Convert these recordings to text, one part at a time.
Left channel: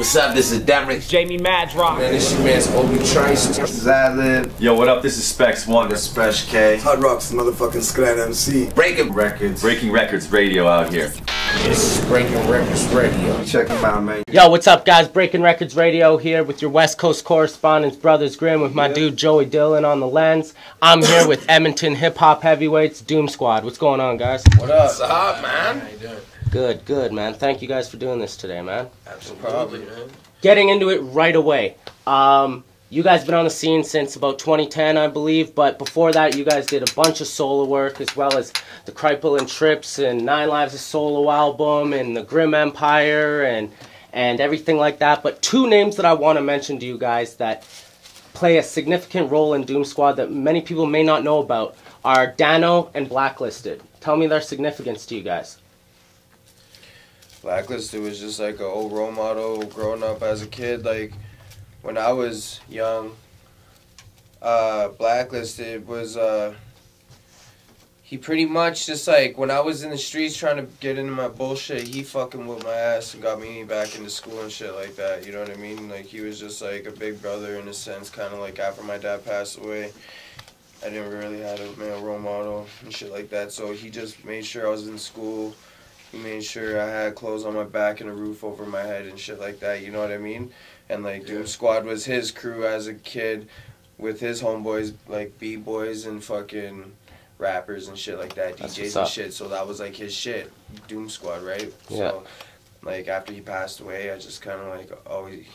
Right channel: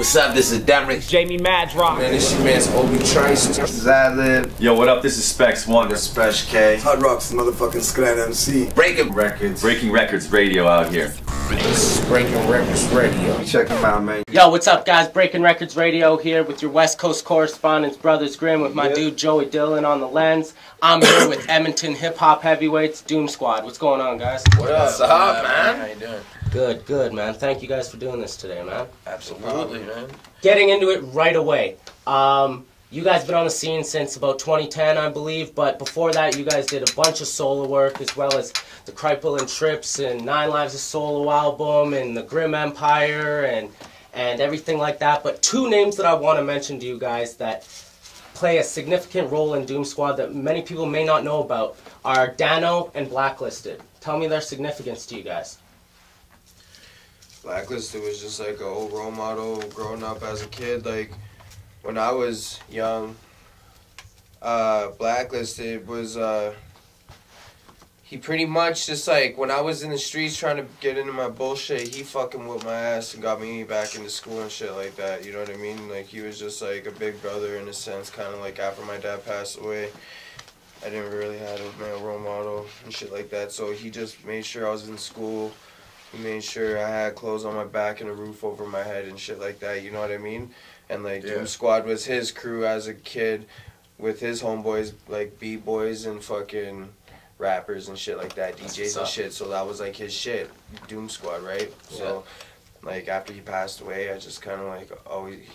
What's up? This is Derek. Jamie Madrock. Man, this your man's Obi Trice. This is Ad-Lib. Yo, what up? This is Spesh One. This is Spesh K. Hot Rock's motherfucking Skot MC. Breaking Wreckords. Breaking Wreckords Radio out here. This is Breaking Wreckords Radio. Check them out, man. Yo, what's up, guys? Breaking Wreckords Radio here with your West Coast correspondents, Brothers Grimm, with my dude Joey Dillon on the lens. I'm here with Edmonton hip-hop heavyweights, Doomsquad. What's going on, guys? What up? What's up, man? How you doing? Good, good, man. Thank you guys for doing this today, man. Absolutely, man. Getting into it right away. You guys been on the scene since about 2010, I believe, but before that, you guys did a bunch of solo work, as well as the Kripal and Trips and 9 Lives of Solo album and the Grimm Empire and everything like that. But two names that I want to mention to you guys that play a significant role in Doomsquad that many people may not know about are Dano and Blacklisted. Tell me their significance to you guys. Blacklisted was just like an old role model growing up as a kid. Like, when I was young, Blacklisted was, he pretty much just like, when I was in the streets trying to get into my bullshit, he fucking whooped my ass and got me back into school and shit like that, you know what I mean? Like, he was just like a big brother in a sense, kind of like after my dad passed away. I didn't really have a male role model and shit like that, so he just made sure I was in school. He made sure I had clothes on my back and a roof over my head and shit like that, you know what I mean? And like, yeah. Doomsquad was his crew as a kid with his homeboys, like B-boys and fucking rappers and shit like that, DJs and shit, so that was like his shit, Doomsquad, right? Yeah. So, like, after he passed away, I just kind of like,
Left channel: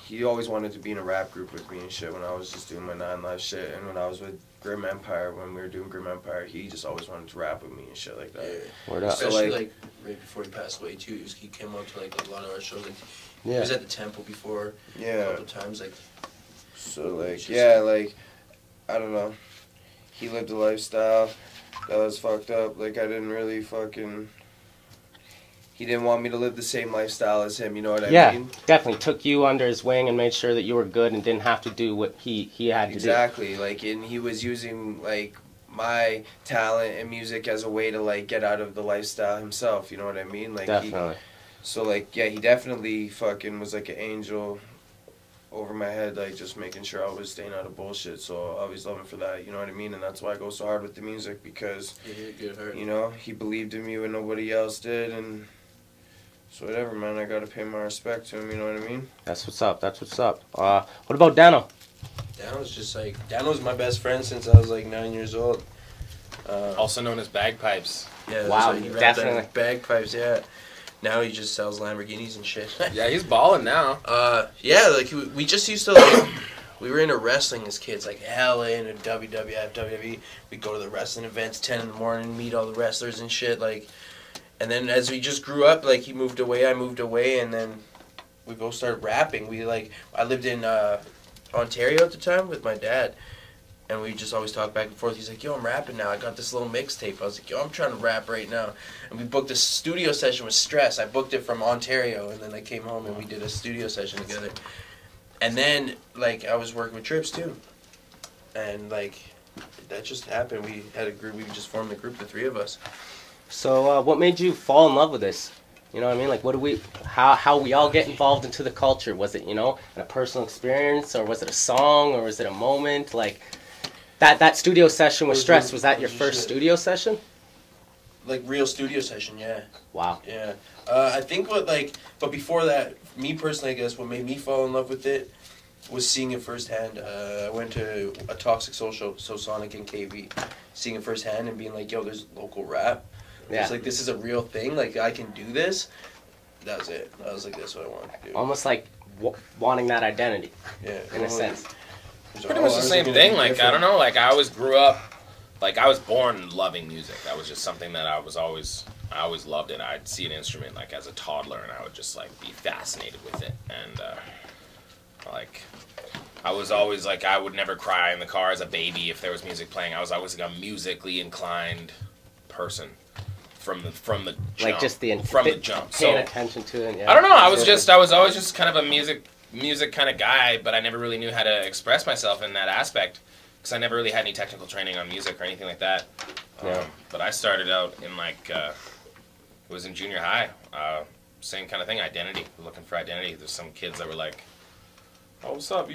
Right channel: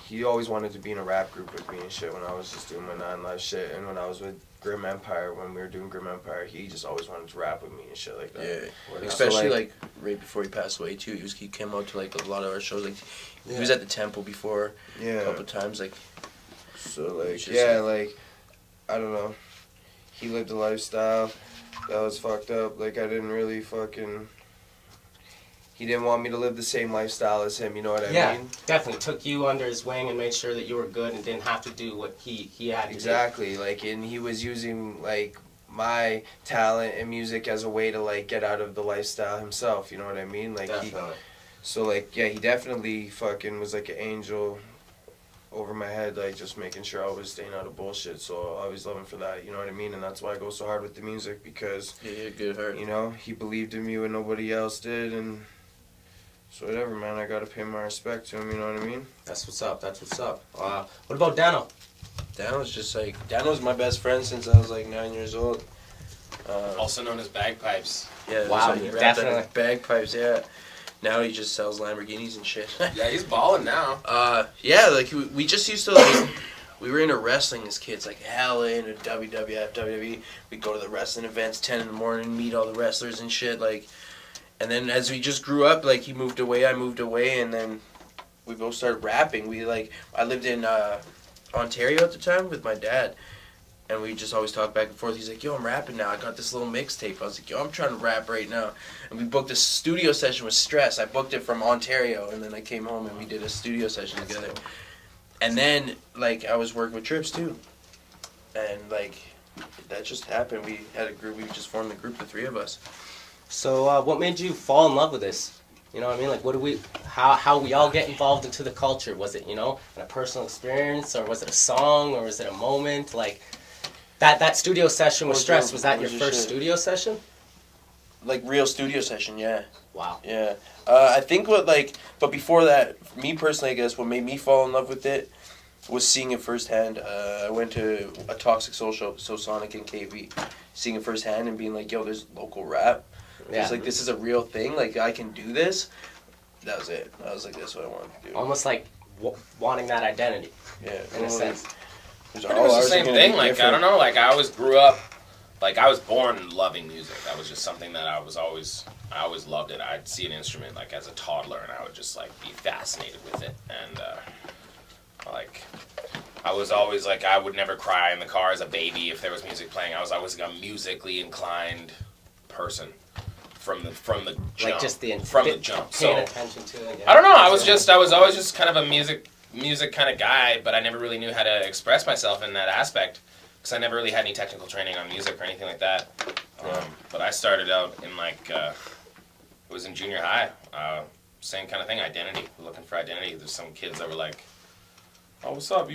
he always wanted to be in a rap group with me and shit when I was just doing my 9 Live shit, and when I was with Grimm Empire, when we were doing Grimm Empire, he just always wanted to rap with me and shit like that. Yeah. Especially so, like right before he passed away too. He came out to like a lot of our shows. Like he was at the Temple before a couple times. Like so, like like I don't know. He lived a lifestyle that was fucked up. Like I didn't really fucking. He didn't want me to live the same lifestyle as him, you know what I mean? Yeah, definitely took you under his wing and made sure that you were good and didn't have to do what he had to do. Exactly, like, and he was using, like, my talent and music as a way to, like, get out of the lifestyle himself, you know what I mean? Like, definitely. So, like, yeah, he definitely fucking was like an angel over my head, like, just making sure I was staying out of bullshit, so I always love him for that, you know what I mean? And that's why I go so hard with the music, because, you know, he believed in me when nobody else did, and... So whatever, man, I gotta pay my respect to him, you know what I mean? That's what's up, that's what's up. What about Dano? Dano's just like, Dano's my best friend since I was like 9 years old. Also known as Bagpipes. Yeah, that's why he rapped on his bagpipes, yeah. Now he just sells Lamborghinis and shit. Yeah, he's balling now. Yeah, like, we just used to, like, we were into wrestling as kids, like, hella into WWF, WWE. We'd go to the wrestling events, 10 in the morning, meet all the wrestlers and shit, like... And then as we just grew up, like, he moved away, I moved away, and then we both started rapping. I lived in Ontario at the time with my dad, and we just always talked back and forth. He's like, yo, I'm rapping now. I got this little mixtape. I was like, yo, I'm trying to rap right now. And we booked a studio session with Stress. I booked it from Ontario, and then I came home and we did a studio session together. And then, like, I was working with Trips, too. And, like, that just happened. We had a group. We just formed a group, the three of us. So, what made you fall in love with this? You know what I mean? Like, how we all get involved into the culture? Was it, you know, a personal experience, or was it a song, or was it a moment? Like, that studio session with Stress, was that your first studio session? Like, real studio session, yeah. Wow. Yeah. I think but before that, me personally, I guess, what made me fall in love with it was seeing it firsthand. I went to a Toxic Social, so Sonic and KV, seeing it firsthand and being like, yo, there's local rap. It's like, this is a real thing. Like, I can do this. That was it. I was like, that's what I wanted to do. Almost like wanting that identity. Yeah. In a sense. Pretty much the same thing. Like, I don't know. Like, I always grew up, like, I was born loving music. That was just something that I always loved it. I'd see an instrument, like, as a toddler, and I would just, like, be fascinated with it. And, like... I was always, like, I would never cry in the car as a baby if there was music playing. I was always, like, a musically inclined person from the jump. Like just the jump. So attention to it, yeah. I don't know. I was always just kind of a music kind of guy, but I never really knew how to express myself in that aspect because I never really had any technical training on music or anything like that. But I started out in, like, it was in junior high. same kind of thing. Identity. We're looking for identity. There's some kids that were like, "Oh, what's up?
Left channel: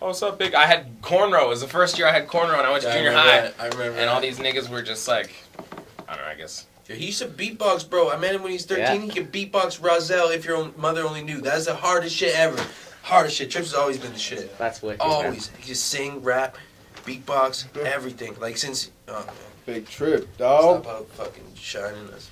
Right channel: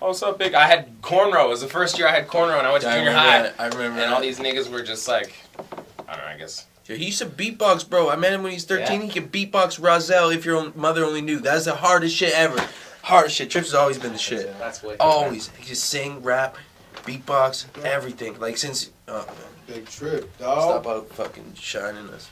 Oh, what's up, big?" I had cornrow. It was the first year I had cornrow, and I went to junior high. I remember. And all these niggas were just like, I don't know. I guess. Yeah, he used to beatbox, bro. I met him when he's 13. Yeah. He could beatbox Rozelle if your mother only knew. That's the hardest shit ever. Hardest shit. Trips has always been the shit. That's wicked. Always. He just sing, rap, beatbox, everything. Like since Big Trip, dog. Stop out fucking shining us.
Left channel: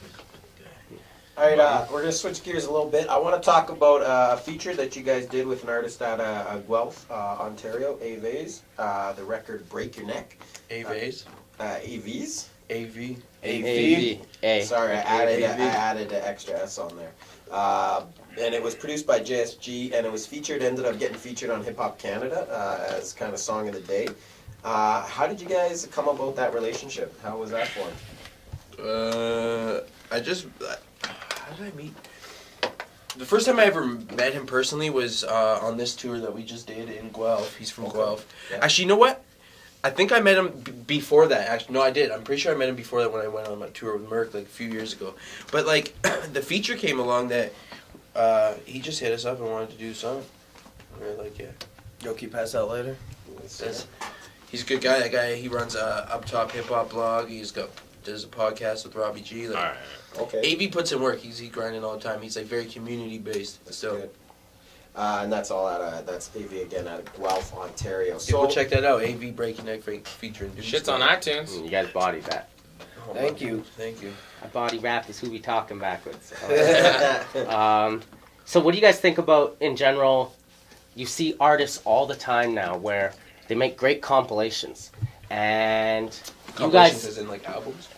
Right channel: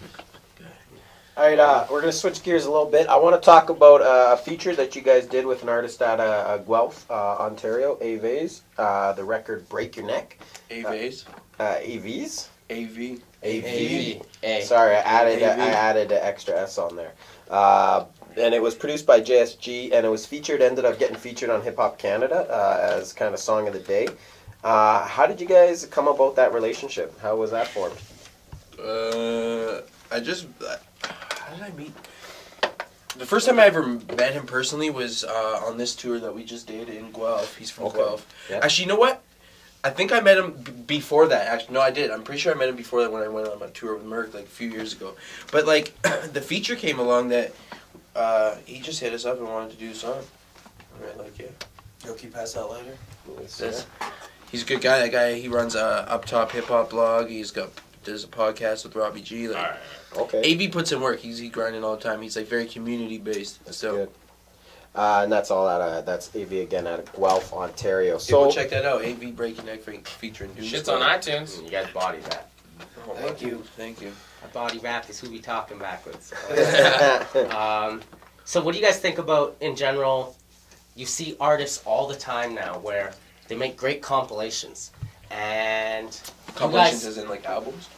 Alright, we're gonna switch gears a little bit. I want to talk about a feature that you guys did with an artist at Guelph, Ontario, AVs. The record "Break Your Neck." AVs. AVs. AV. AV. Sorry, I added an extra S on there. And it was produced by JSG, and it was ended up getting featured on Hip Hop Canada as kind of song of the day. How did you guys come about that relationship? How was that formed? How did I meet? The first time I ever met him personally was on this tour that we just did in Guelph. He's from Guelph. Yeah. Actually, you know what? I think I met him before that. Actually, no, I did. I'm pretty sure I met him before that when I went on my tour with Merc like a few years ago. But like, the feature came along that he just hit us up and wanted to do a song. And we were like, yeah. Yo, can you pass out later? He's a good guy. That guy, he runs a Up Top Hip Hop blog. Does a podcast with Robbie G. Like, all right. Okay. AV puts in work. He's grinding all the time. He's like very community based still. Good. And that's all that's AV again out of Guelph, Ontario. So go check that out. AV Breaking Neck featuring Doomsquad. Shit's on iTunes. You guys body rap. Oh, Thank you. Body rap is who we talking backwards. So what do you guys think about in general? You see artists all the time now where they make great compilations and compilations as in like albums,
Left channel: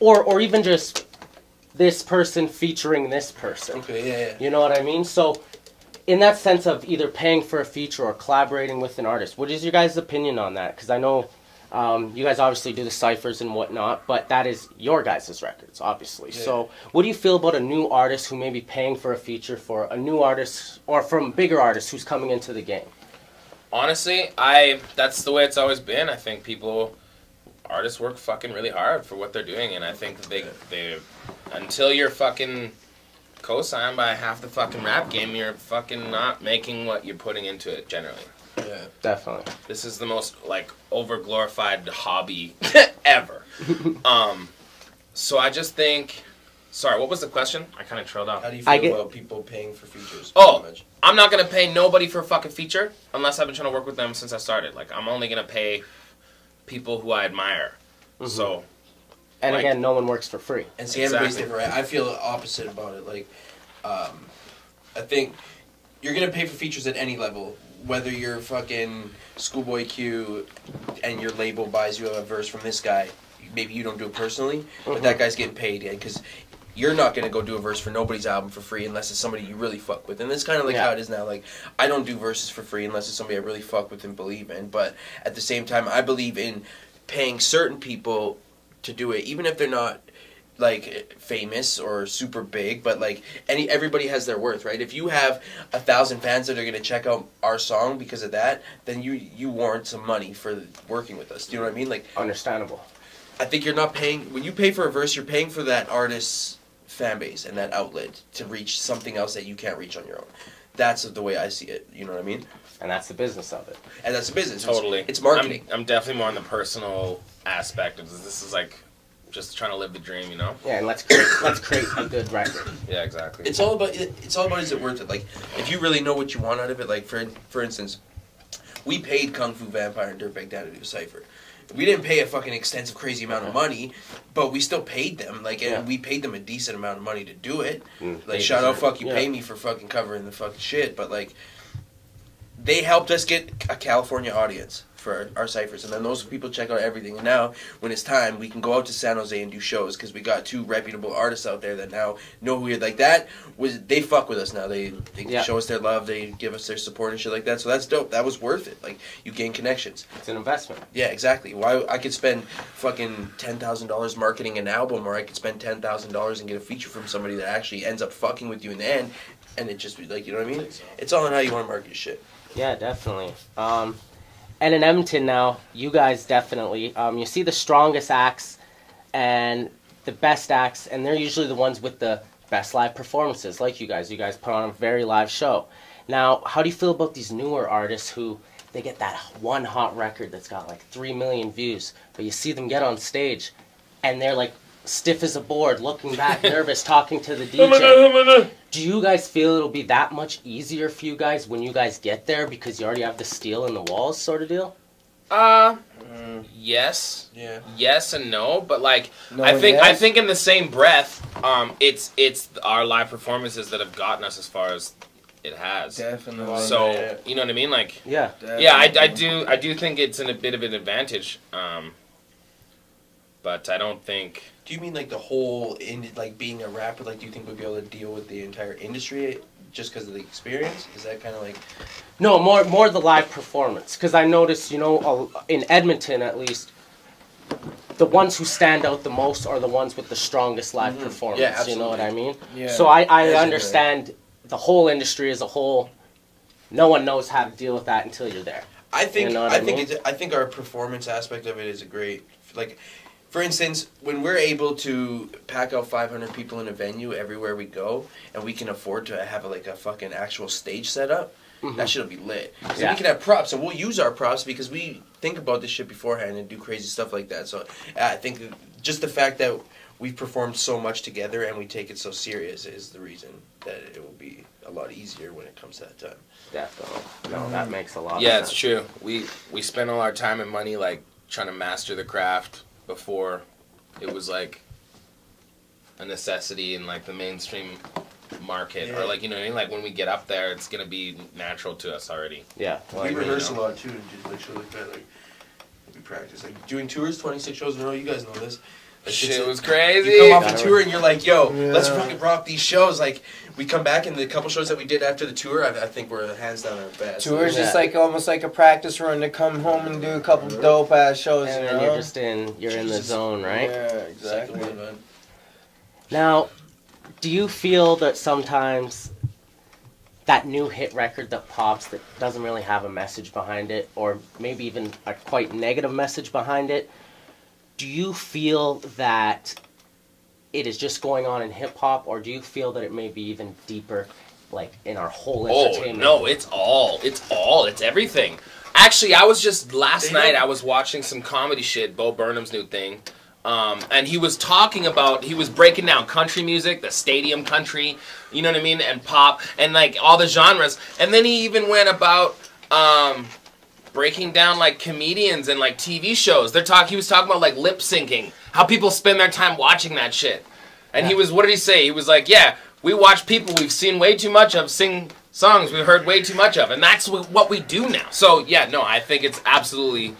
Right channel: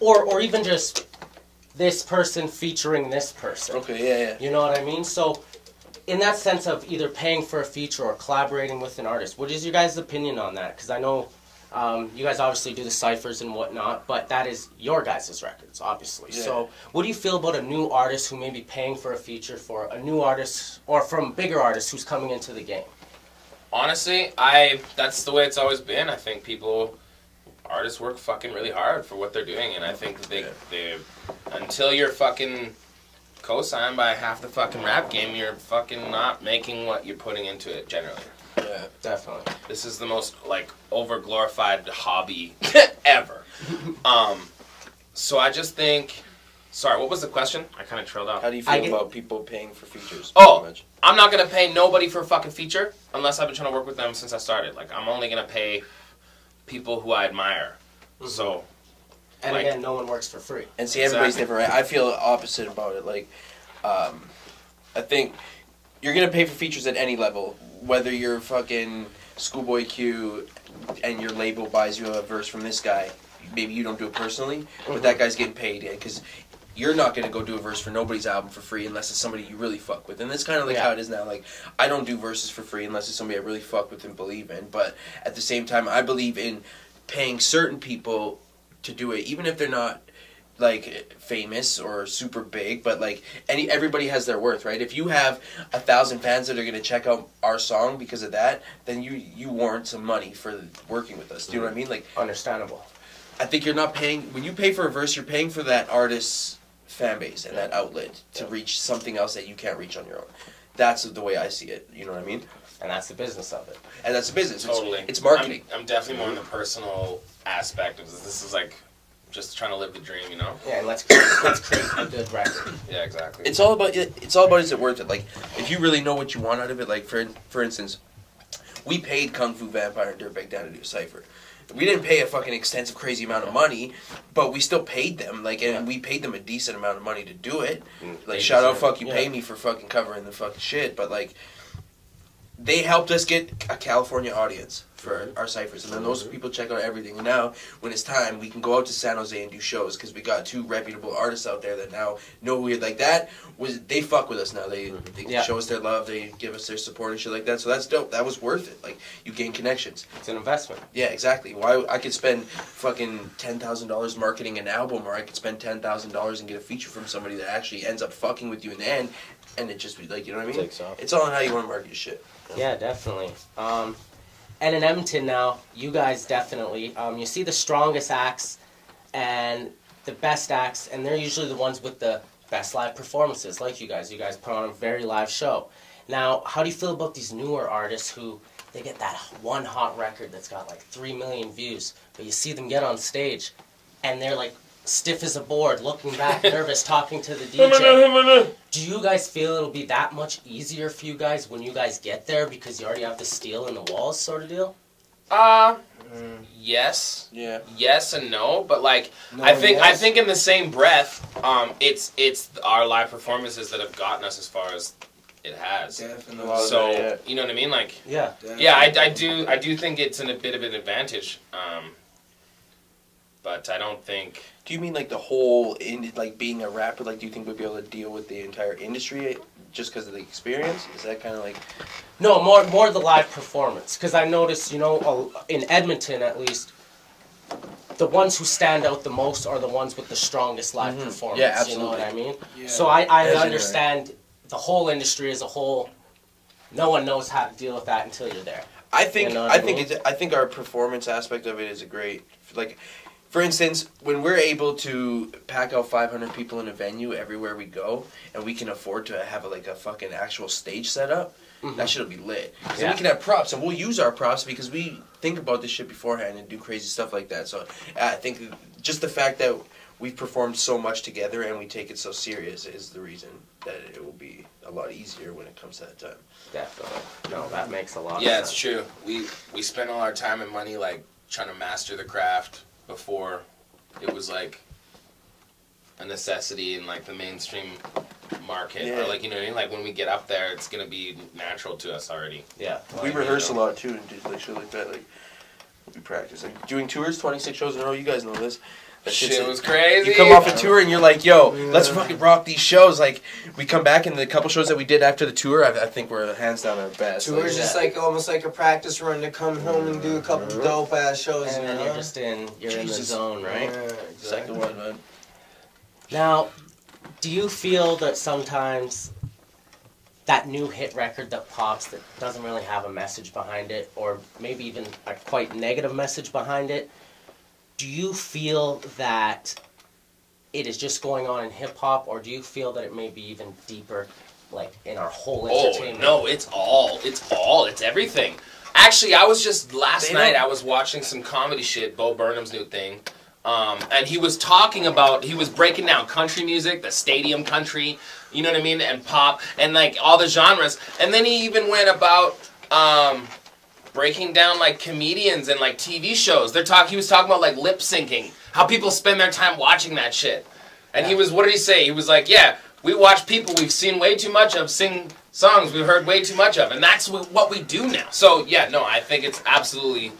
or even just this person featuring this person. Okay, yeah. You know what I mean? So, in that sense of either paying for a feature or collaborating with an artist, what is your guys' opinion on that? Because I know you guys obviously do the ciphers and whatnot, but that is your guys' records, obviously. Yeah. So, what do you feel about a new artist who may be paying for a feature for a new artist or from bigger artists who's coming into the game? Honestly, that's the way it's always been. I think artists work fucking really hard for what they're doing, and I think they until you're fucking co-signed by half the fucking rap game, you're fucking not making what you're putting into it generally. Yeah, definitely. This is the most like over-glorified hobby ever. So I just think. Sorry, what was the question? I kind of trailed off. How do you feel about people paying for features? Oh, I'm not going to pay nobody for a fucking feature unless I've been trying to work with them since I started. Like, I'm only going to pay people who I admire. Mm-hmm. So, and like, again, no one works for free. And see, everybody's different, right? I feel opposite about it. Like, I think you're going to pay for features at any level. Whether you're fucking Schoolboy Q and your label buys you a verse from this guy, maybe you don't do it personally, but that guy's getting paid, because you're not going to go do a verse for nobody's album for free unless it's somebody you really fuck with. And that's kind of like how it is now. Like, I don't do verses for free unless it's somebody I really fuck with and believe in. But at the same time, I believe in paying certain people to do it, even if they're not, like, famous or super big. But, like, everybody has their worth, right? If you have 1,000 fans that are going to check out our song because of that, then you warrant some money for working with us. Do you know what I mean? Like, understandable. I think you're not paying... When you pay for a verse, you're paying for that artist's fan base and that outlet to reach something else that you can't reach on your own. That's the way I see it. You know what I mean? And that's the business of it. And that's the business. Totally. It's marketing. I'm definitely more on the personal aspect of this. This is like just trying to live the dream, you know? Yeah, and let's create a good record. Yeah, exactly. It's all about is it worth it? Like, if you really know what you want out of it, like for instance, we paid Kung Fu Vampire and Dirtbag Down to do a cypher. We didn't pay a fucking extensive, crazy amount of money, but we still paid them. Like, and we paid them a decent amount of money to do it. Like, shout out, fuck you, pay me for fucking covering the fucking shit. But like, they helped us get a California audience for our ciphers, and then those people check out everything. And now, when it's time, we can go out to San Jose and do shows because we got 2 reputable artists out there that now know who we're like. They fuck with us now. They show us their love. They give us their support and shit like that. So that's dope. That was worth it. Like, you gain connections. It's an investment. Yeah, exactly. Why I could spend fucking $10,000 marketing an album, or I could spend $10,000 and get a feature from somebody that actually ends up fucking with you in the end, and it just be like, you know what I mean? It's all on how you want to market your shit. Yeah, definitely. And in Edmonton now, you guys definitely, you see the strongest acts and the best acts, and they're usually the ones with the best live performances, like you guys. You guys put on a very live show. Now, how do you feel about these newer artists who they get that one hot record that's got like 3 million views, but you see them get on stage and they're like stiff as a board, looking back, nervous, talking to the DJ. Do you guys feel it'll be that much easier for you guys when you guys get there because you already have the steel in the walls sort of deal? Yes. Yeah. Yes and no, but like I think in the same breath, it's our live performances that have gotten us as far as it has. Definitely. So you know what I mean? Like Definitely. yeah, I do think it's a bit of an advantage. But I don't think. Do you mean like the whole like being a rapper? Like, do you think we'd be able to deal with the entire industry just because of the experience? Is that kind of like? No, more the live performance. Because I noticed, you know, in Edmonton at least, the ones who stand out the most are the ones with the strongest live performance. Yeah, absolutely. You know what I mean? Yeah. So I understand the whole industry as a whole. No one knows how to deal with that until you're there. I think You know what I think our performance aspect of it is a great, like, for instance, when we're able to pack out 500 people in a venue everywhere we go, and we can afford to have a fucking actual stage set up, that shit'll be lit. Because then we can have props, and we'll use our props because we think about this shit beforehand and do crazy stuff like that. So I think just the fact that we've performed so much together and we take it so serious is the reason that it will be a lot easier when it comes to that time. Definitely. No, that makes a lot. Yeah, of it's sense. true. We spent all our time and money like trying to master the craft before it was like a necessity in like the mainstream market, or like, you know what I mean, like when we get up there it's gonna be natural to us already. Yeah. We rehearse a lot too and do like shit like that. Like we practice, like doing tours, 26 shows in a row. You guys know this. That Shit was crazy. You come off a tour and you're like, yo, let's fucking rock these shows. Like, we come back and the couple shows that we did after the tour, I think we're hands down our best. Tour's just like almost like a practice run to come home and do a couple dope ass shows, And you then know? you're just in the zone, right? Yeah, exactly. Second one, man. Now, do you feel that sometimes that new hit record that pops that doesn't really have a message behind it, or maybe even a quite negative message behind it, do you feel that it is just going on in hip-hop, or do you feel that it may be even deeper, like, in our whole entertainment? Oh, no, it's everything. Actually, I was just, last night, I was watching some comedy shit, Bo Burnham's new thing, and he was talking about, he was breaking down country music, the stadium country, you know what I mean, and pop, and, like, all the genres, and then he even went about, breaking down like comedians and like TV shows. He was talking about like lip syncing, how people spend their time watching that shit. And he was, what did he say? He was like, yeah, we watch people we've seen way too much of sing songs we've heard way too much of, and that's what we do now. So yeah, no, I think it's absolutely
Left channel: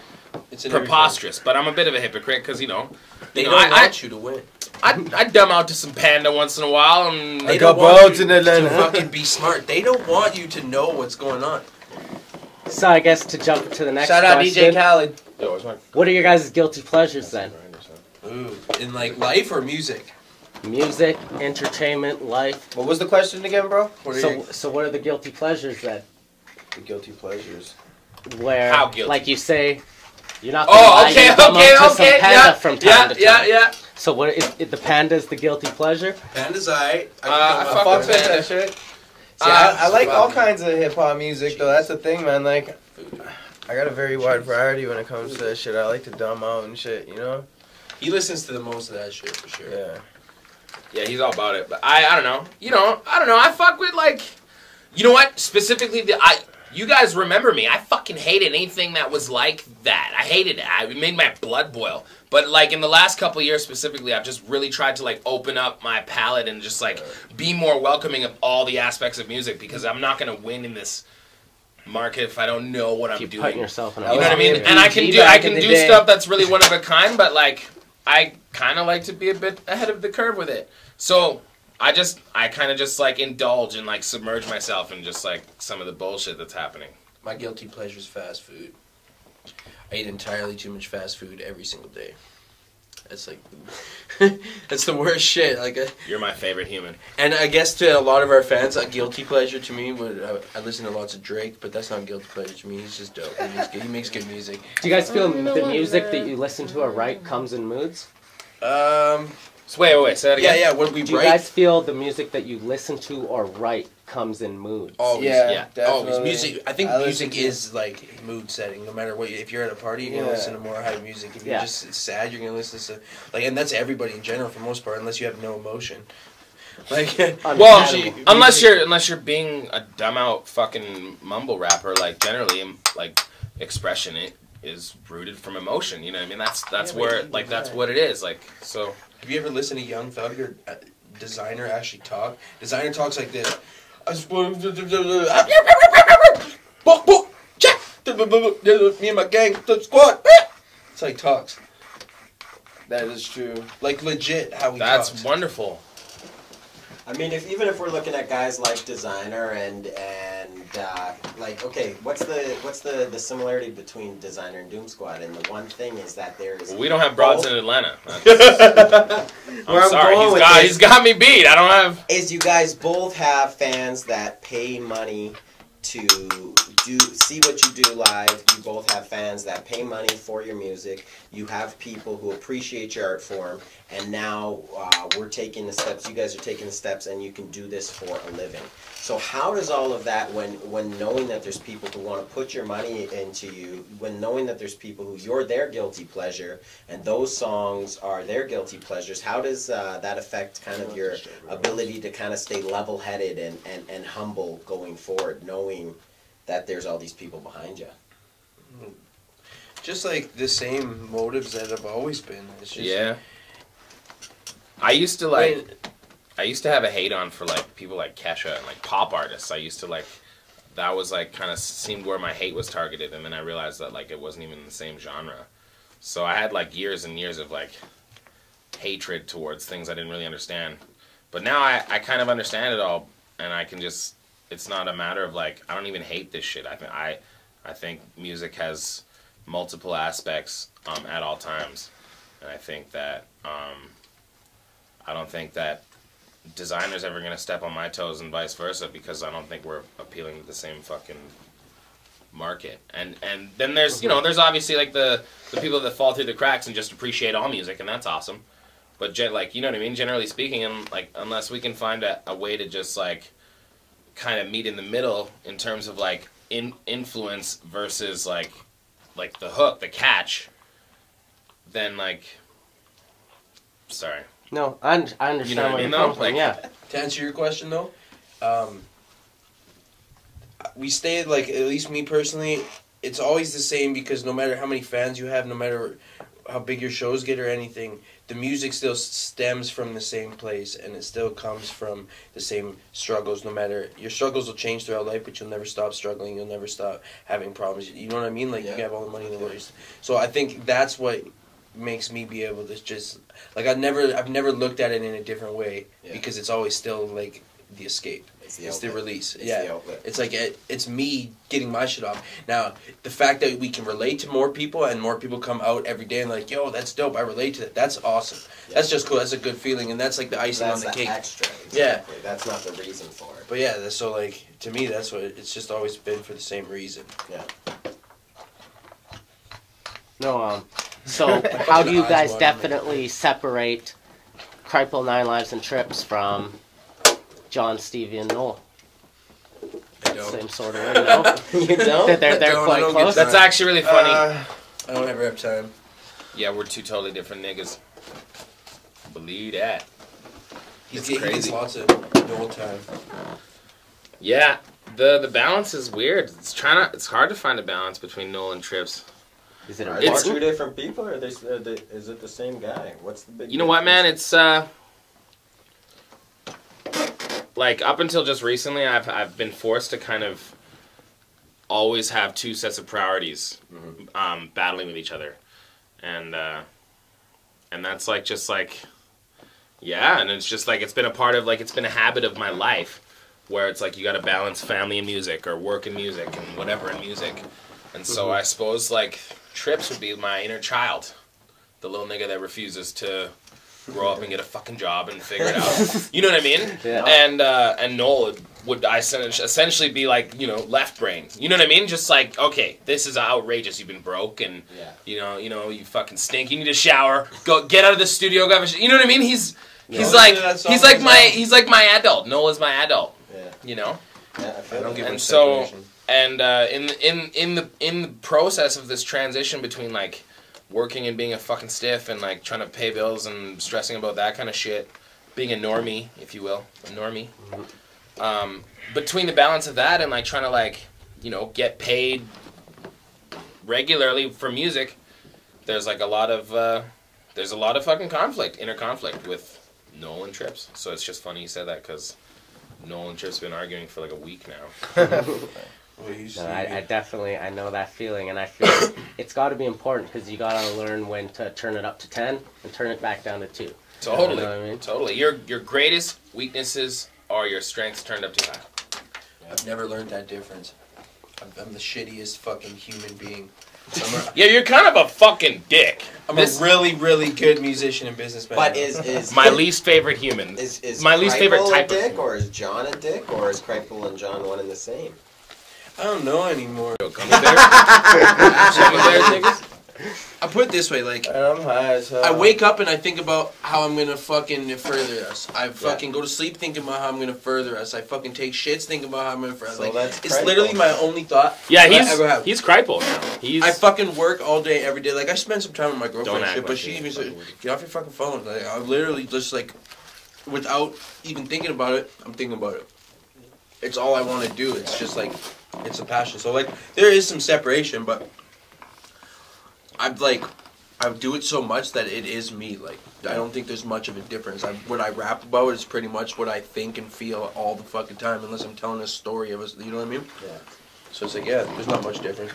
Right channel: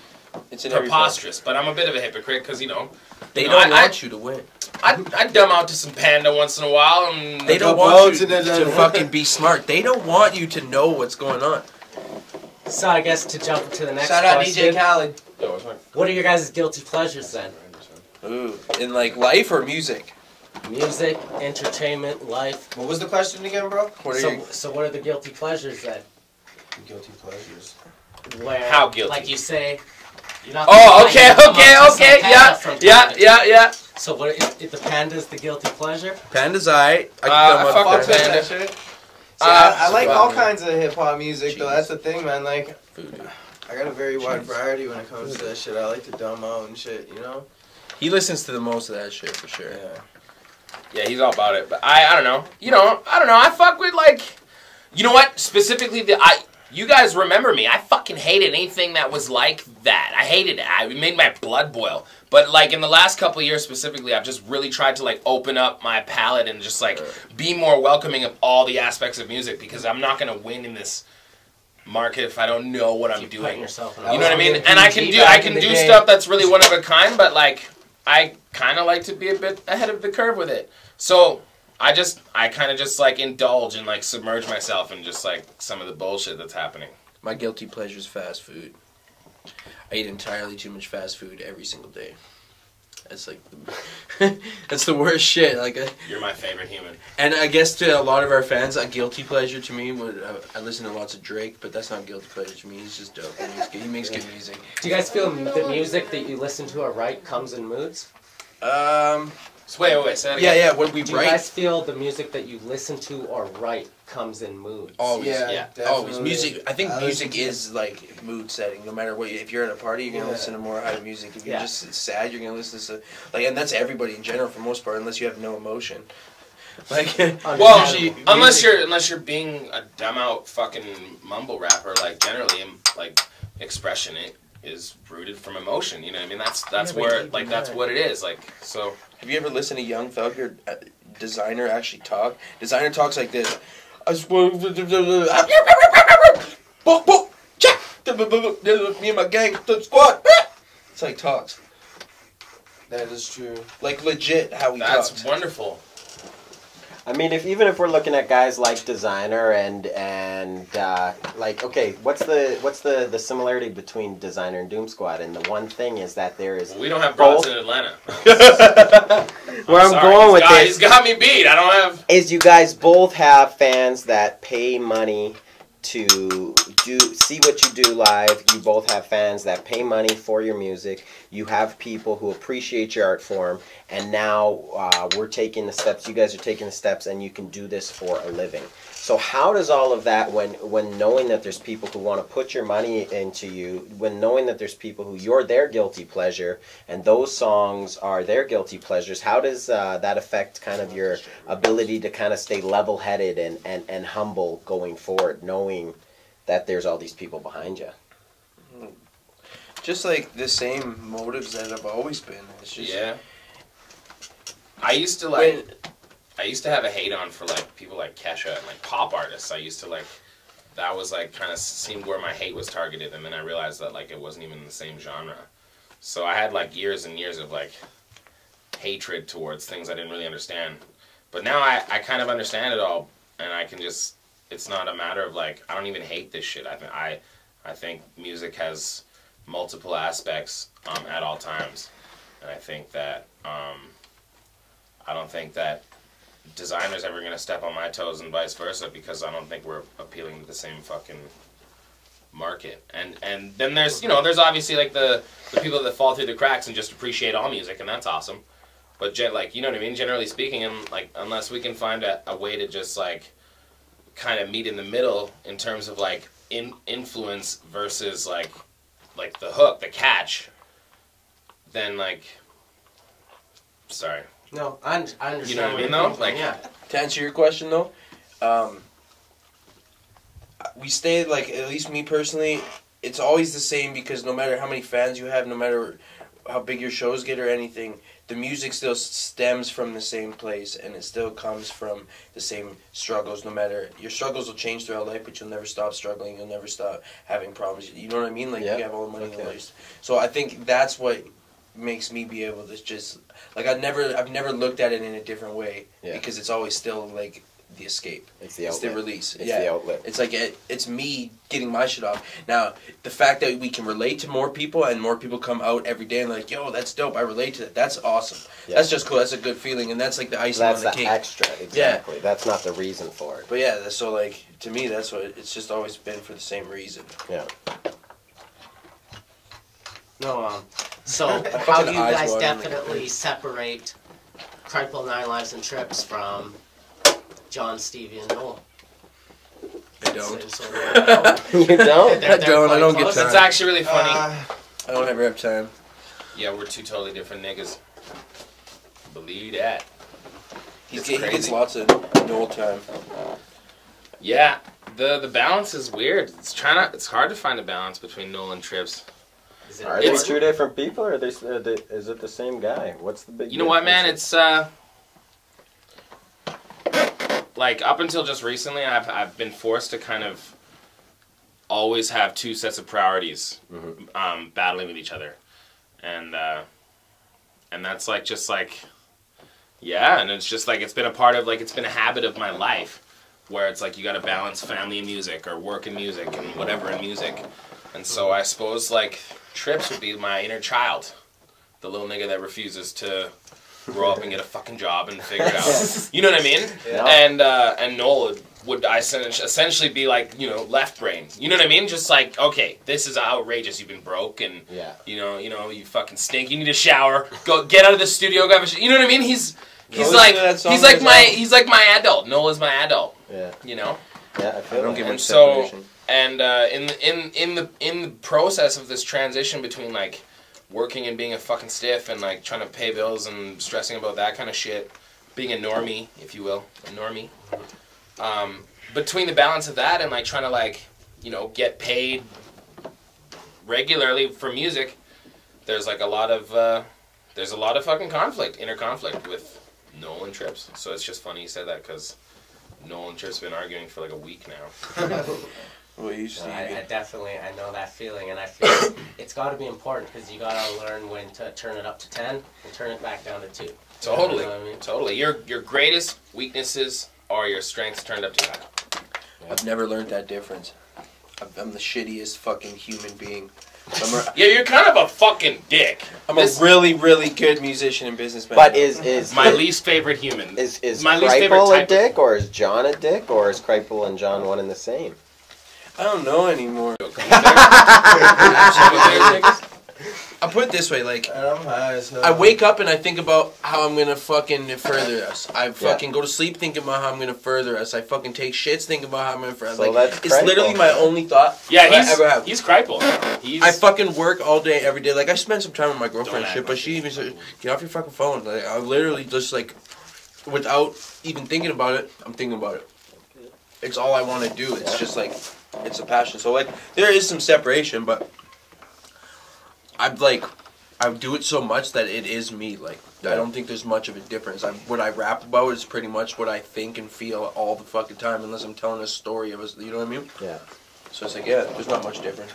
preposterous. But I'm a bit of a hypocrite because, you know, they don't want you to win. I dumb out to some Panda once in a while, and they don't want you to fucking be smart. They don't want you to know what's going on. So I guess to jump to the next Shout out question, DJ Khaled. what are your guys' guilty pleasures then? Ooh, in like life or music? Music, entertainment, life. What was the question again, bro? So what are the guilty pleasures then? The guilty pleasures. Where, how guilty? like you say, you're not. Okay, yeah. So what? Is the Panda's the guilty pleasure? Panda's I fuck with Panda. That shit. See, I like all kinds of hip hop music though. That's the thing, man. Like, I got a very wide variety when it comes to that shit. I like to dumb out and shit, you know. He listens to the most of that shit for sure. Yeah. Yeah, he's all about it. But I don't know. I don't know. I fuck with like, you know what? Specifically, you guys remember me. I fucking hated anything that was like that. I hated it. It made my blood boil. But like in the last couple of years specifically, I've just really tried to like open up my palette and just like be more welcoming of all the aspects of music, because I'm not gonna win in this market if I don't know what I'm doing. You know what I mean? And I can do stuff that's really one of a kind, but like I kind of like to be a bit ahead of the curve with it. So I kind of just like indulge and like submerge myself in just like some of the bullshit that's happening. My guilty pleasure is fast food. I eat entirely too much fast food every single day. That's like, that's the worst shit. Like, you're my favorite human. And I guess to a lot of our fans, a guilty pleasure to me would I listen to lots of Drake, but that's not a guilty pleasure to me. He's just dope. He makes good music. Do you guys feel the music that you listen to or write comes in moods? So wait, say that again. Yeah, when we Do you write. guys feel the music that you listen to or write comes in moods? Always, Yeah, always. definitely. Music. I think I music listen to- is like mood setting. No matter what, if you're at a party, you're gonna listen to more hype music. If you're just sad, you're gonna listen to like, and that's everybody in general for the most part, unless you have no emotion. Like, well, usually, unless you're being a dumb out fucking mumble rapper, like generally, like expression it is rooted from emotion. You know what I mean? That's where like that's what it is. Like so. Have you ever listened to Young Thug or Designer actually talk? Designer talks like this. Me and my gang, the squad. It's like talks. That is true. Like legit how he talks. That's wonderful. I mean, even if we're looking at guys like Designer and like, okay, what's the similarity between Designer and Doomsquad? And the one thing is that there is. Well, we don't have broads in Atlanta. I'm sorry, he's got me beat. I don't have. Is you guys both have fans that pay money to see what you do live. You both have fans that pay money for your music. You have people who appreciate your art form. And now we're taking the steps. You guys are taking the steps, and you can do this for a living. So how does all of that, when knowing that there's people who want to put your money into you, when knowing that there's people who you're their guilty pleasure, and those songs are their guilty pleasures, how does that affect kind of your ability to kind of stay level-headed and humble going forward, knowing that there's all these people behind you? Just like the same motives that have always been. It's just, yeah. I used to have a hate on for like people like Kesha and like pop artists. I used to like, that was like kind of seemed where my hate was targeted, and then I realized that like it wasn't even the same genre. So I had like years and years of like hatred towards things I didn't really understand. But now I kind of understand it all, and I can just, it's not a matter of like, I don't even hate this shit. I think music has multiple aspects at all times, and I think that I don't think that Designer's ever gonna step on my toes and vice versa, because I don't think we're appealing to the same fucking market. And then there's there's obviously like the people that fall through the cracks and just appreciate all music, and that's awesome. But like, you know what I mean? Generally speaking, and like, unless we can find a way to just like kind of meet in the middle in terms of like influence versus like the hook, the catch, then like, sorry. No, I understand. You know what I mean, though? Like, yeah. To answer your question, though, we stay, like, at least me personally, it's always the same, because no matter how many fans you have, no matter how big your shows get or anything, the music still stems from the same place, and it still comes from the same struggles. No matter, your struggles will change throughout life, but you'll never stop struggling, you'll never stop having problems. You know what I mean? Like, you have all the money in the world. So I think that's what makes me be able to just, like, I've never looked at it in a different way, because it's always still like the escape. It's the release. It's the outlet. It's like it's me getting my shit off. Now, the fact that we can relate to more people, and more people come out every day and like, yo, that's dope, I relate to that. That's awesome. Yeah. That's just cool. That's a good feeling, and that's like the icing on the cake. Extra, exactly. Yeah. That's not the reason for it. But yeah, so like, to me, that's what it's just always been, for the same reason. Yeah. No, so how do you guys definitely separate Kripal, 9 Lives, and Trips from John, Stevie, and Noel? I don't. Same sort of, I don't get time. That's actually really funny. I don't ever have time. Yeah, we're two totally different niggas. Believe that. He gets lots of Noel time. Yeah, the balance is weird. It's hard to find a balance between Noel and Trips. Is it two different people, or is it the same guy? What's the big? You know what, man? It's like, up until just recently, I've been forced to kind of always have two sets of priorities, battling with each other, and that's like just like, yeah, and it's just like, it's been a part of, like, it's been a habit of my life, where it's like you got to balance family and music, or work and music, and whatever in music, and so I suppose like Trips would be my inner child, the little nigga that refuses to grow up and get a fucking job and figure it out. You know what I mean? Yeah. And Noel would essentially be like, you know, left brain. You know what I mean? Just like, okay, this is outrageous. You've been broke and you know, you fucking stink. You need a shower. Go get out of the studio. Grab a you know what I mean? He's like my adult. Noel is my adult. Yeah. You know? Yeah, I don't give much separation. And in the process of this transition between like working and being a fucking stiff and like trying to pay bills and stressing about that kind of shit, being a normie, if you will, a normie. Between the balance of that and like trying to like, you know, get paid regularly for music, there's like a lot of fucking inner conflict with Noel and Trips. So it's just funny you said that because Noel and Trips have been arguing for like a week now. Well, I definitely, I know that feeling, and I feel it's got to be important because you got to learn when to turn it up to 10 and turn it back down to 2. Totally, you know what I mean? Totally. Your greatest weaknesses are your strengths turned up to 10. I've never learned that difference. I'm the shittiest fucking human being. Yeah, you're kind of a fucking dick. I'm a really, really good musician and businessman. But is my least favorite human. Is my least favorite type a dick, of or is John a dick, or is Kripal and John one and the same? I don't know anymore. Gummy bears? Gummy bears, niggas? I'll put it this way, like, I'm high as hell. I wake up and I think about how I'm gonna fucking further us. I fucking go to sleep thinking about how I'm gonna further us. I fucking take shits thinking about how I'm gonna further us. So like, it's literally my only thought I ever have. He's Kripal. I fucking work all day, every day. Like, I spend some time with my girlfriend and act shit, but like she it. even said, get off your fucking phone. Like, I literally just, like, without even thinking about it, I'm thinking about it. It's all I want to do. It's just, like, it's a passion. So, like, there is some separation, but I do it so much that it is me. Like, I don't think there's much of a difference. What I rap about is pretty much what I think and feel all the fucking time, unless I'm telling a story of us. You know what I mean? Yeah. So it's like, yeah, there's not much difference.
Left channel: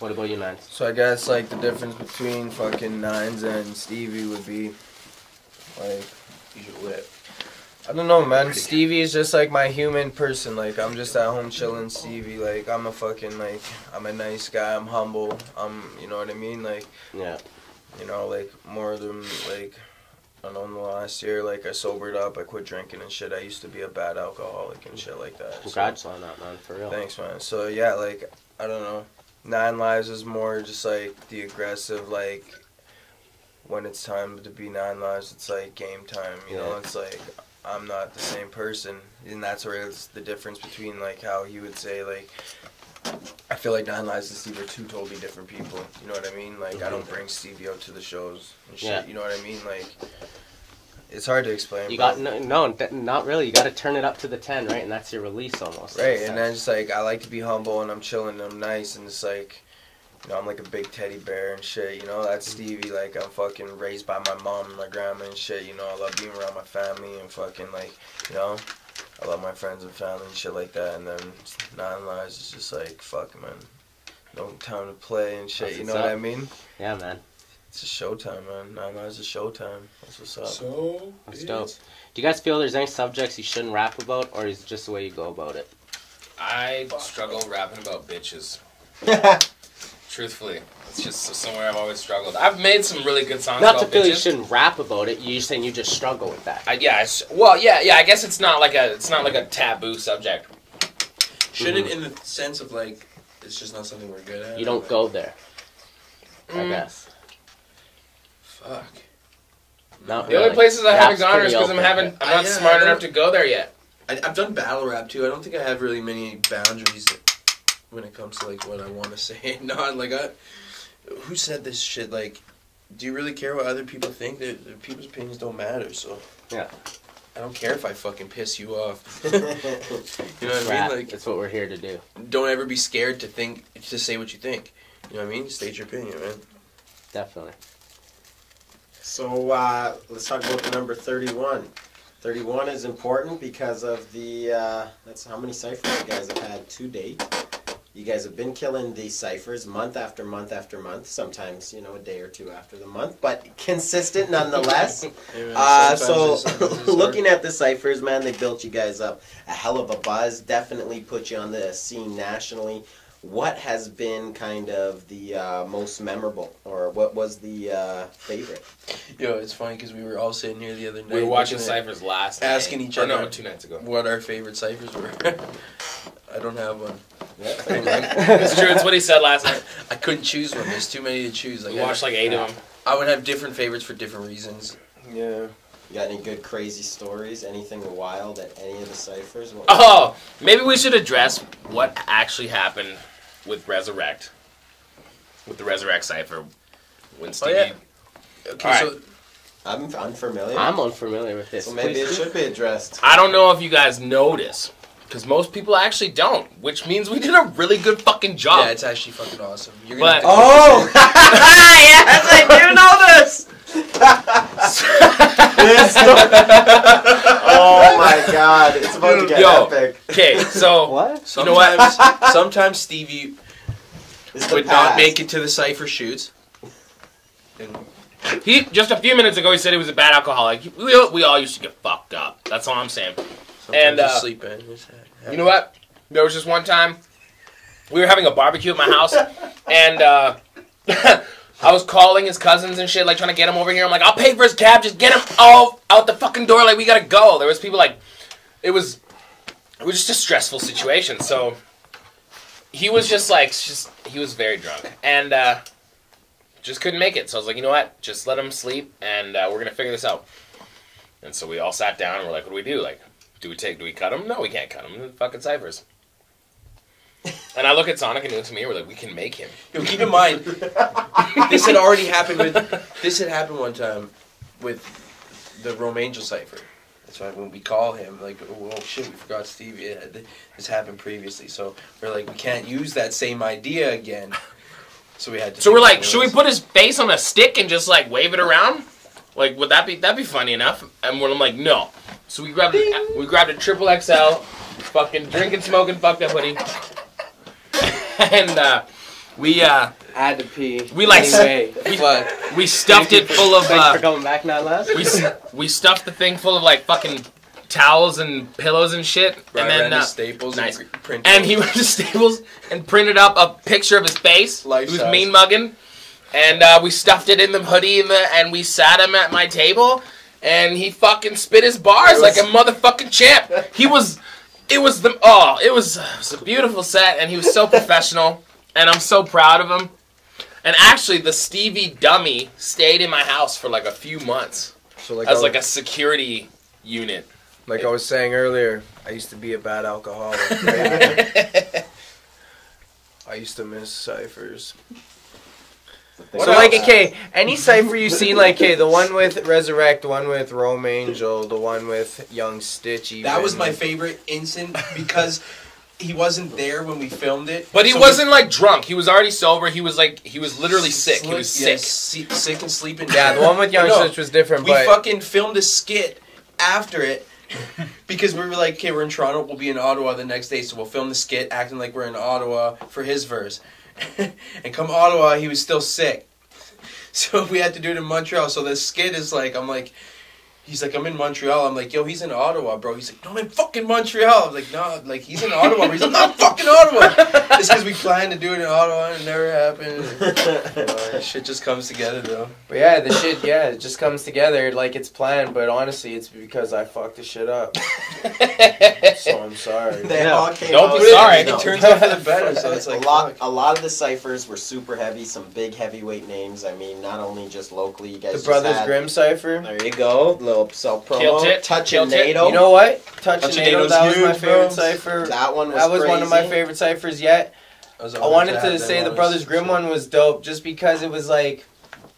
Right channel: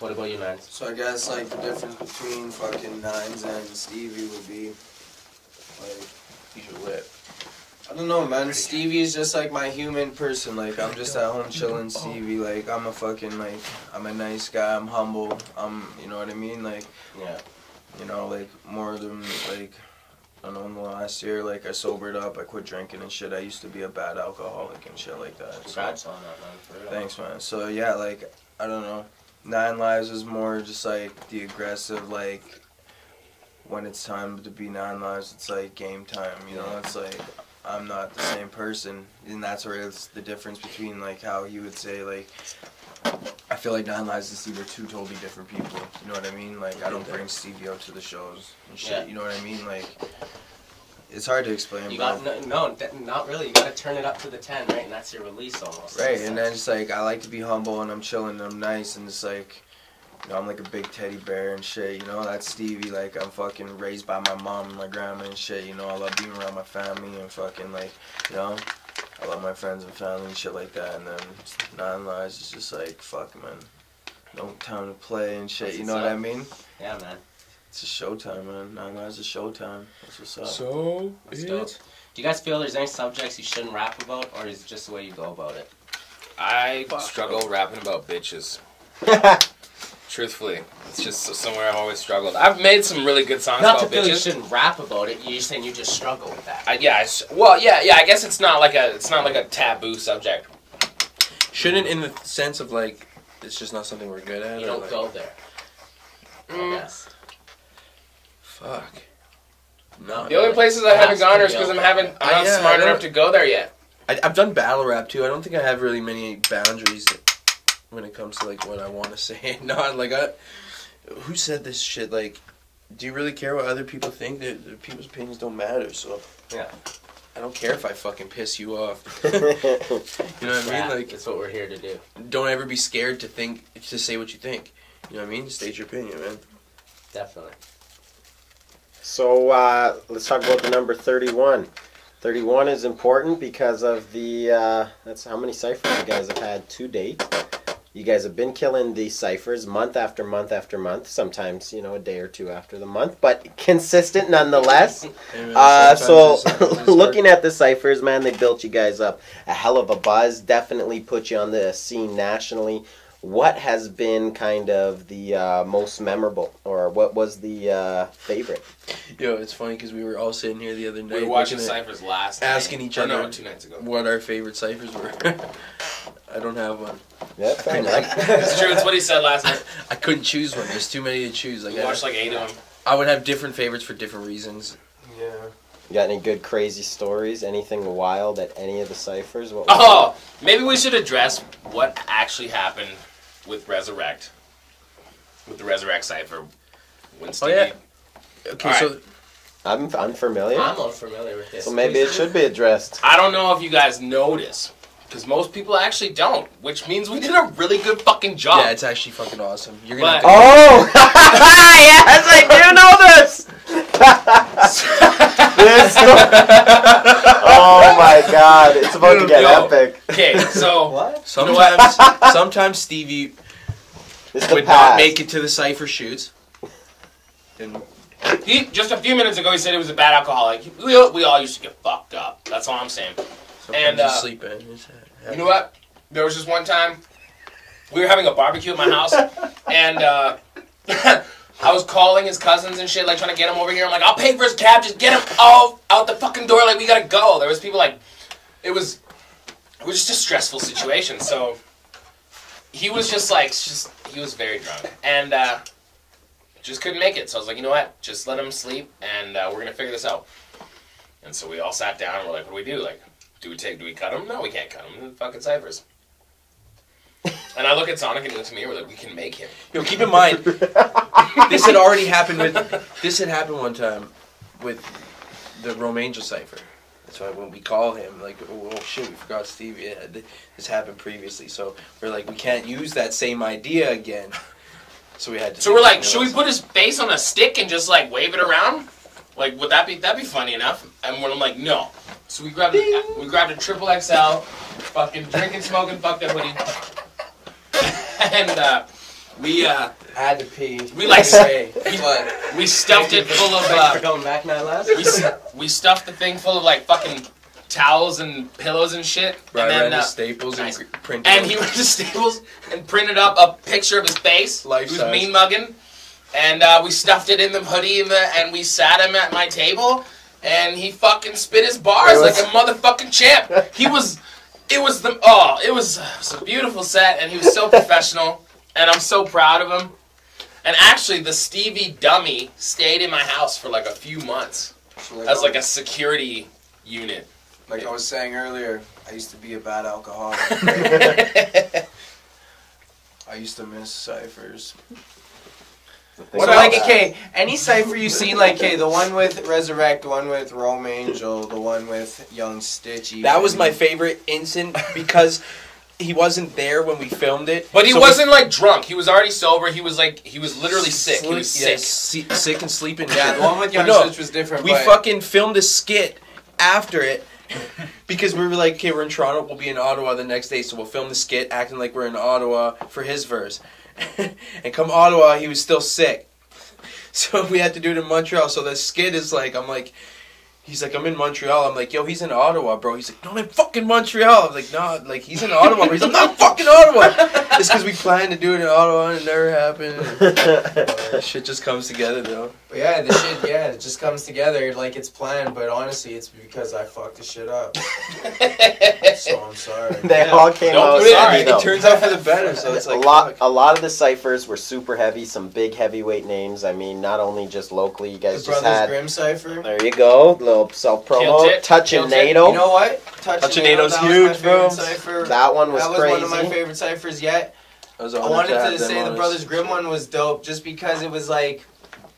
What about you, Nines? So I guess, like, the difference between fucking Nines and Stevie would be, like, These are lit. I don't know, man. Stevie's just, like, my human person. Like, I'm just at home chilling Stevie. Like, I'm a fucking, like, I'm a nice guy. I'm humble. You know what I mean? Like, Yeah. you know, like, more than, like, I don't know, in the last year, like, I sobered up. I quit drinking and shit. I used to be a bad alcoholic and shit like that. Congrats on that, man, for real. Thanks, man. So, yeah, like, I don't know. 9 Lives is more just, like, the aggressive, like, when it's time to be 9 Lives, it's, like, game time, you know? It's, like, I'm not the same person. And that's where it's the difference between, like, how he would say, like, I feel like 9 Lives and Stevie are two totally different people. You know what I mean? Like, I don't bring Stevie out to the shows and shit. Yeah. You know what I mean? Like, it's hard to explain, You bro. got not really. You got to turn it up to the 10, right? And that's your release almost. Right, and then just like I like to be humble and I'm chilling and I'm nice and it's like, you know, I'm like a big teddy bear and shit. You know, that's Stevie. Like, I'm fucking raised by my mom and my grandma and shit. You know, I love being around my family and fucking like, you know, I love my friends and family and shit like that. And then 9 Lives is just like, fuck, man, no time to play and shit. That's You know what's what up. I mean? Yeah, man. It's a showtime, man. 9 Lives is showtime. That's what's up. So, That's dope. Do you guys feel there's any subjects you shouldn't rap about, or is it just the way you go about it? I struggle rapping about bitches. Truthfully, it's just somewhere I've always struggled. I've made some really good songs Not to about feel you bitches. shouldn't rap about it. You're saying you just struggle with that. I guess it's not like a taboo subject. shouldn't in the sense of, like, it's just not something we're good at? You or, don't like, go there. I guess. Fuck. No, The only places I haven't Rap's gone is pretty because I'm open. not Yeah, smart I enough to go there yet. I've done battle rap too. I don't think I have really many boundaries when it comes to, like, what I want to say. Not like who said this shit? Like, do you really care what other people think? That people's opinions don't matter. So Yeah. I don't care if I fucking piss you off. You know what I mean? Like, that's what we're here to do. don't ever be scared to say what you think. You know what I mean? State your opinion, man. Definitely. So let's talk about the number 31. 31 is important because of the, that's how many ciphers you guys have had to date. You guys have been killing these ciphers month after month after month, sometimes, you know, a day or two after the month, but consistent nonetheless. Hey, man, sometimes it's Looking hard. at the ciphers, man, they built you guys up a hell of a buzz, definitely put you on the scene nationally. what has been kind of the most memorable, or what was the favorite? Yo, it's funny because we were all sitting here the other night. We were watching ciphers last night. Asking each other. No, 2 nights ago. What our favorite ciphers were. I don't have one. Yeah, it's true. It's what he said last night. I couldn't choose one. There's too many to choose. We watched like 8 of them. I would have different favorites for different reasons. Yeah. You got any good crazy stories? Anything wild at any of the ciphers? Maybe we should address what actually happened with Resurrect. With the Resurrect cipher. When Stevie... Oh, yeah. Okay, right. so... I'm unfamiliar. I'm unfamiliar with this. So maybe it should be addressed. I don't know if you guys notice, because most people actually don't, which means we did a really good fucking job. Yeah, it's actually fucking awesome. You're gonna But, have to Yes, I do know this! Oh my god, it's about to get epic. Okay, so... What? Sometimes Stevie would not make it to the cipher shoots. And He just a few minutes ago he said he was a bad alcoholic. We all used to get fucked up. That's all I'm saying. sometimes you sleep in. You know what? There was just one time we were having a barbecue at my house, and I was calling his cousins and shit, like trying to get him over here. I'm like, I'll pay for his cab. Just get him all out the fucking door. Like we gotta go. There was people like, it was just a stressful situation. So he was just like, he was very drunk and just couldn't make it. So I was like, you know what? Just let him sleep, and we're gonna figure this out. And so we all sat down and we're like, what do we do? Like, do we cut him? No, we can't cut him. They're fucking ciphers. And I look at Sonic and he looks at me and we're like, we can make him. Yo, keep in mind, this had already happened one time with the Rome Angel cipher. That's why when we call him, like, oh shit, we forgot Stevie. Yeah, this happened previously. So we're like, we can't use that same idea again. So we had to. So we're like, should we put his face on a stick and just like wave it around? Like, would that'd be funny enough? And I'm like, no. So we grabbed a triple XL, fucking drinking, smoking, fucked up hoodie. And we had to pee. We like anyway, we stuffed it full of Going back now, last. we stuffed the thing full of like fucking towels and pillows and shit. Right, and then Staples nice. and printed. And he went to Staples and printed up a picture of his face. Life He was size. mean mugging. And we stuffed it in the hoodie and we sat him at my table, and he fucking spit his bars like a motherfucking champ. It was a beautiful set, and he was so professional, and I'm so proud of him. And actually, the Stevie dummy stayed in my house for like a few months as like a security unit. Like I was saying earlier, I used to be a bad alcoholic. Right? I used to miss ciphers. What So else? like, okay, any cipher you've seen, like, okay, the one with Resurrect, the one with Rome Angel, the one with Young Stitch. Even. That was my favorite instant because he wasn't there when we filmed it. But he So wasn't like drunk. He was already sober. He was literally sick. He was sick. Sick and sleeping. Yeah, the one with Young No, Stitch was different. We but fucking filmed a skit after it because we were like, okay, we're in Toronto. We'll be in Ottawa the next day, so we'll film the skit acting like we're in Ottawa for his verse. And come Ottawa, he was still sick. So we had to do it in Montreal. So the skit is like, he's like, I'm in Montreal. I'm like, yo, he's in Ottawa, bro. He's like, no, I'm in fucking Montreal. I'm like, no, like, he's in Ottawa. But he's like, not fucking Ottawa. It's because we planned to do it in Ottawa and it never happened. Shit just comes together, though. But yeah, the shit, it just comes together like it's planned, but honestly, it's because I fucked the shit up. So I'm sorry. They all came Don't out be sorry. It turns out for the better, so it's like, a lot of the ciphers were super heavy, some big heavyweight names. I mean, not only just locally, you guys The just Brothers had, Grimm cipher. There you go, little self-promo. Killed it. Touching Killed it. NATO. You know what? Touching NATO, Nato's that was huge, my favorite bro. cipher. That was one of my favorite ciphers yet. I wanted to say the Brothers Grimm one was dope just because it was like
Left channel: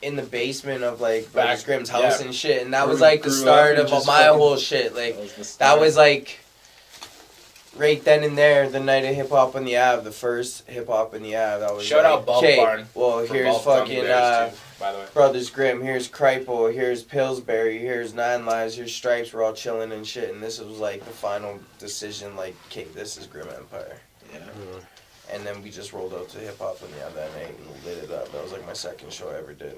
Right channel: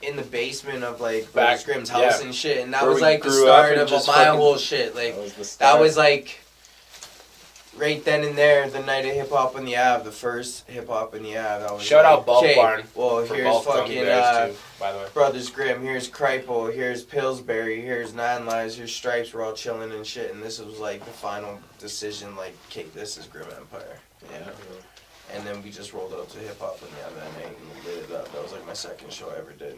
in the basement of like Brothers Grimm's house and shit, and that Where was we like the grew start up of and just my fucking- whole shit. Like that was like right then and there, the night of Hip Hop on the Ave, the first Hip Hop on the Ave. That was Shout like, out Bulk okay, Barn. Well, for here's both gummy fucking bears, too, by the way. Brothers Grimm, here's Kripal, here's Pillsbury, here's Nine Lives, here's Stripes. We're all chilling and shit, and this was like the final decision. Like, okay, this is Grimm Empire. And then we just rolled out to Hip Hop on the Ave that night and lit it up. That was like my second show I ever did.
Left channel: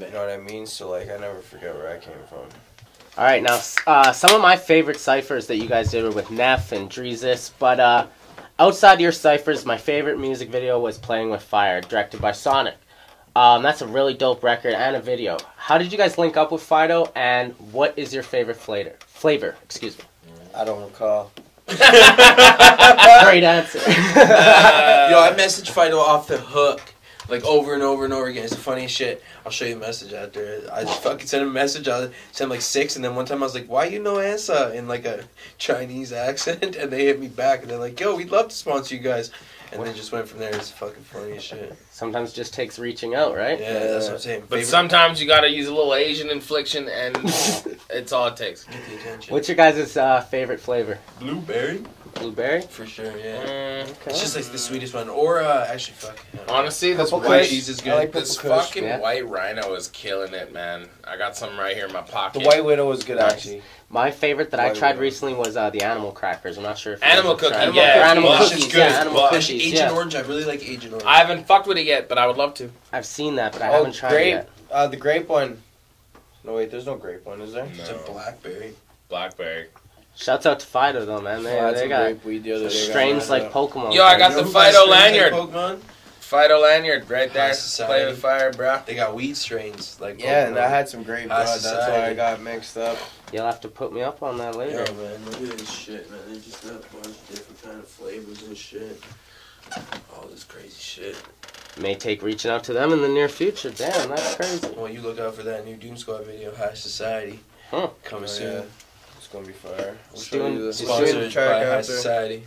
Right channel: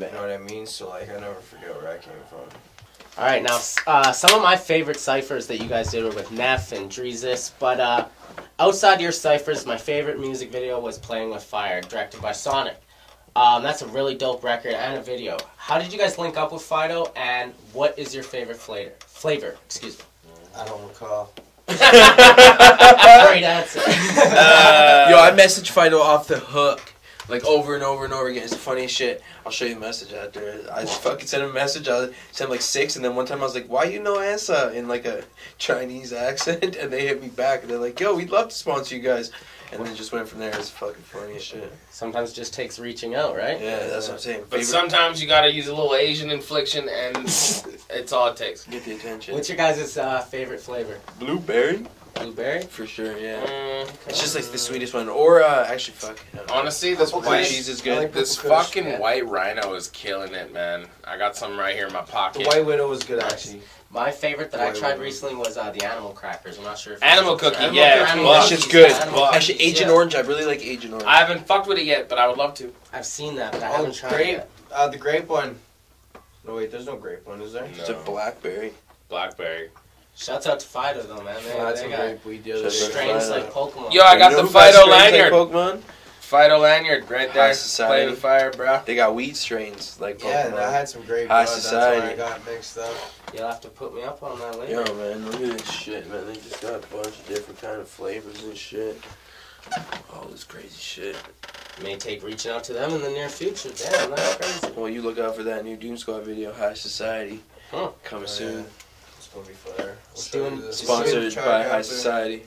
You know what I mean? So like, I never forget where I came from. All right, now some of my favorite ciphers that you guys did were with Neff and Dreezus, but outside your ciphers, my favorite music video was Playing with Fire, directed by Sonic. That's a really dope record and a video. How did you guys link up with Fido, and what is your favorite flavor? Excuse me. I don't recall. Great answer. Yo, I messaged Fido off the hook, like over and over and over again. It's the funniest shit. I'll show you the message after. I just fucking sent him a message. I sent like 6, and then one time I was like, "Why you no answer?" in like a Chinese accent, and they hit me back, and they're like, "Yo, we'd love to sponsor you guys," and then just went from there. It's the fucking funniest shit. Sometimes it just takes reaching out, right? Yeah, that's what I'm saying. But sometimes you gotta use a little Asian infliction, and it's all it takes. Get the attention. What's your guys' favorite flavor? Blueberry? Blueberry? For sure, yeah. It's just like the sweetest one. Or, actually, fuck. Honestly, this Purple white cheese is good. like this Purple Kush, fucking white rhino is killing it, man. I got some right here in my pocket. The White Widow was good, actually. My favorite that I White tried Widow. recently was the animal crackers. I'm not sure if Animal you guys have cookie, tried yeah. Animal Well, cookies, shit's good. yeah, animal Well, cookies, actually, Agent yeah. Orange, I really like Agent Orange. I haven't fucked with it yet, but I would love to. I've seen that, but I Oh, haven't tried grape. it yet. The grape one. No, wait, there's no grape one, is there? It's a blackberry. Blackberry. Shouts out to Fido, though, man. I had They some got grape weed the other day. strains like Pokemon. Yo, I got the Fido lanyard. Pokemon? Fido lanyard right there. High Society. Play with fire, bro. They got weed strains like Yeah, and Pokemon. I had some grape, High bud. That's Society. why I got mixed up. You'll have to put me up on that later. Yo, man, look at this shit, man. They just got a bunch of different kind of flavors and shit. All this crazy shit. May take reaching out to them in the near future. Damn, that's crazy. Well, you look out for that new Doomsquad video, High Society, coming soon. Yeah. It's gonna be fire. We'll Soon. show you the Sponsored track by out High there. Society.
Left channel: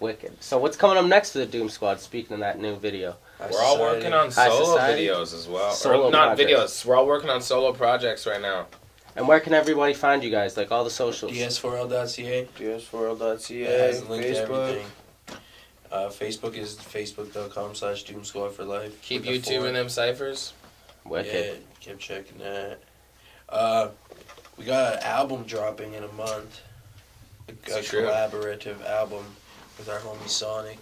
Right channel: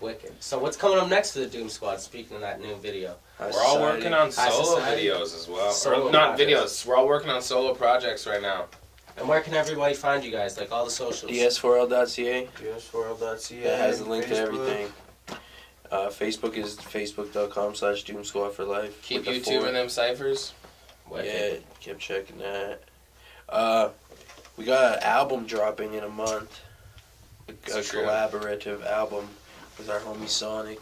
Wicked. So what's coming up next for the Doom Squad, speaking of that new video? High We're all Society. working on High solo Society. videos as well. Solo Or not projects. videos. We're all working on solo projects right now. And where can everybody find you guys? Like all the socials? DS4L.ca. DS4L.ca. That has the link to Facebook. everything. Facebook is facebook.com/Doomsquad for life. Keep with the YouTube 4. and them ciphers. Wicked. Yeah, keep checking that. We got an album dropping in a month. A It's true. collaborative album with our homie Sonic.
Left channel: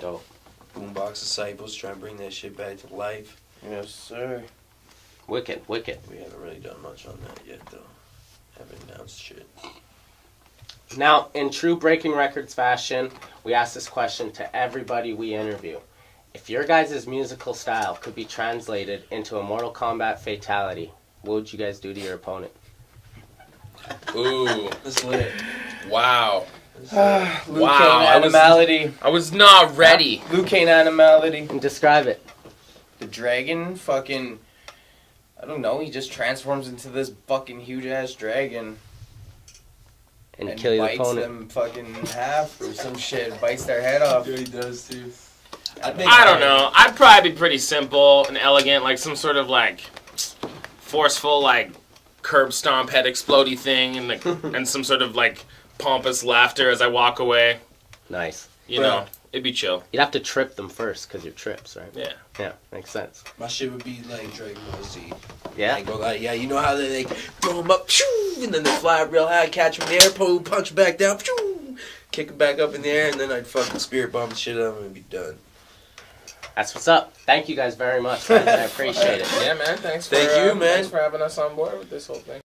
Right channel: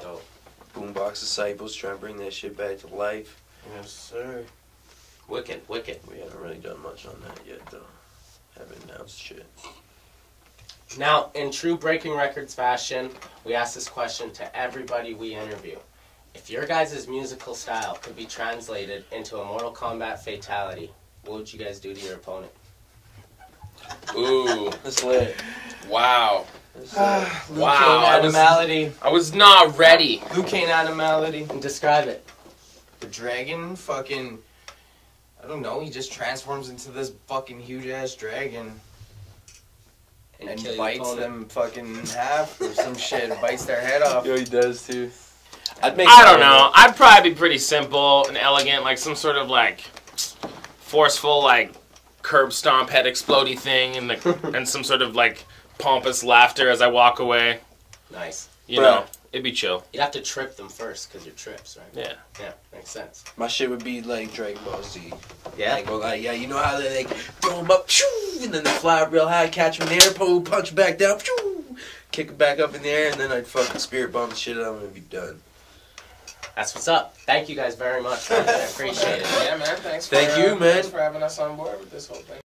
Dope. Boombox Disciples, trying to bring that shit back to life. Yes, sir. Wicked, wicked. We haven't really done much on that yet, though. Haven't announced shit. Now, in true Breaking Wreckords fashion, we ask this question to everybody we interview. If your guys' musical style could be translated into a Mortal Kombat fatality, what would you guys do to your opponent? Ooh. That's lit. Wow. Liu Wow, Kang I was- animality. I was not ready. Liu Kang animality. Describe it. The dragon fucking... I don't know, he just transforms into this fucking huge-ass dragon. And, And kill your bites opponent. them fucking in half or some shit. Bites their head off. Yo, he does, too. I don't know. I'd probably be pretty simple and elegant, like some sort of like forceful, like curb stomp head explodey thing, and and some sort of like pompous laughter as I walk away. Nice. You know, it'd be chill. You'd have to trip them first, because you're trips, right? Yeah. Yeah, makes sense. My shit would be like Dragon Ball Z. Yeah. I go like, yeah, you know how they like throw them up, shoo, and then they fly up real high, catch them in the air, pull, punch 'em back down, shoo, kick them back up in the air, and then I'd fucking spirit bomb the shit out of them and be done. That's what's up. Thank you guys very much. I appreciate it. Yeah, man. Thanks. Thank you, man. Thanks for having us on board with this whole thing.